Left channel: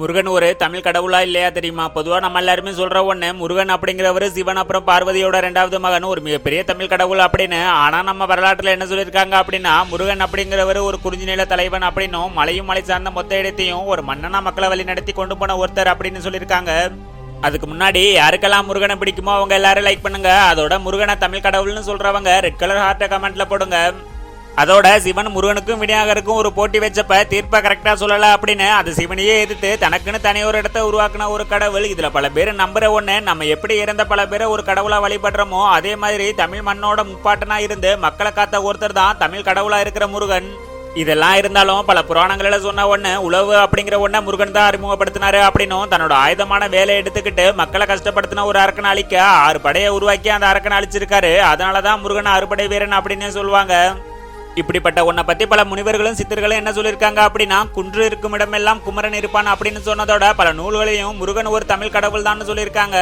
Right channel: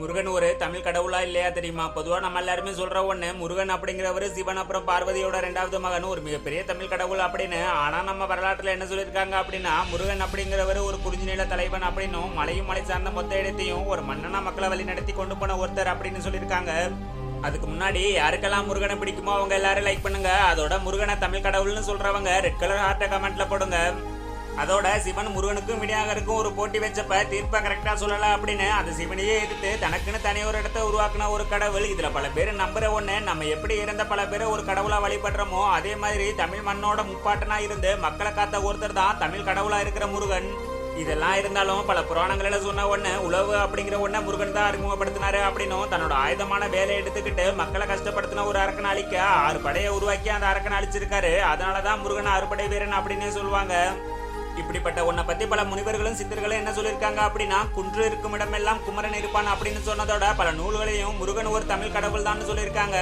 முருகன் ஒரு தமிழ் கடவுளா இல்லையா தெரியுமா? பொதுவா நம்ம எல்லாருமே சொல்ற ஒண்ணு, முருகன் அப்படிங்கிறவரு சிவன் அப்புறம் பார்வதியோட 2வது மகன், ஒரு மிகப்பெரிய தமிழ் கடவுள் அப்படின்னு. ஆனா நம்ம வரலாற்றுல என்ன சொல்லியிருக்காங்க அப்படின்னா, முருகன் அப்படிங்கிறவரு ஒரு குறிஞ்சி நில தலைவன் அப்படின்னும், மலையும் மலை சார்ந்த மொத்த இடத்தையும் ஒரு மன்னனா மக்களை வழி நடத்தி கொண்டு போன ஒருத்தர் அப்படின்னு சொல்லியிருக்காங்க. அதுக்கு முன்னாடி யாருக்கெல்லாம் முருகனை பிடிக்குமோ அவங்க எல்லாரும் லைக் பண்ணுங்க. அதோட முருகனை தமிழ் கடவுள்னு சொல்றவங்க ரெட் கலர் ஹார்ட்டை கமெண்ட்ல போடுங்க. அதோட சிவன் முருகனுக்கும் விநாயகருக்கும் ஒரு போட்டி வச்சப்ப தீர்ப்பை கரெக்டா சொல்லல அப்படின்னு அது சிவனையே எதிர்த்து தனக்குன்னு தனி ஒரு இடத்த உருவாக்குன ஒரு கடவுள். இதுல பல பேர் நம்புற ஒண்ணு, நம்ம எப்படி இறந்த பல பேரை ஒரு கடவுளா வழிபடுறோமோ அதே மாதிரி தமிழ் மண்ணோட முப்பாட்டனா இருந்து மக்களை காத்த ஒருத்தர் தான் தமிழ் கடவுளா இருக்கிற முருகன். இதெல்லாம் இருந்தாலும் பல புராணங்கள சொன்ன ஒண்ணு, உழவு அப்படிங்கிற ஒண்ண முருகன் தான் அறிமுகப்படுத்தினாரு அப்படின்னும், தன்னோட ஆயுதமான வேலையை எடுத்துக்கிட்டு மக்களை கஷ்டப்படுத்தின ஒரு அரக்கனை அழிக்க 6 படையை உருவாக்கி அந்த அரக்கனை அழிச்சிருக்காரு. அதனாலதான் முருகன் அறுபடை வீரன் அப்படின்னு சொல்லுவாங்க. இப்படிப்பட்ட உன்னை பத்தி பல முனிவர்களும் சித்தர்களும் என்ன சொல்லியிருக்காங்க அப்படின்னா, குன்று இருக்கும் இடமெல்லாம் குமரன் இருப்பான் அப்படின்னு சொன்னதோட பல நூல்களையும் முருகன் ஒரு தமிழ் கடவுள் தான் சொல்லியிருக்காங்க.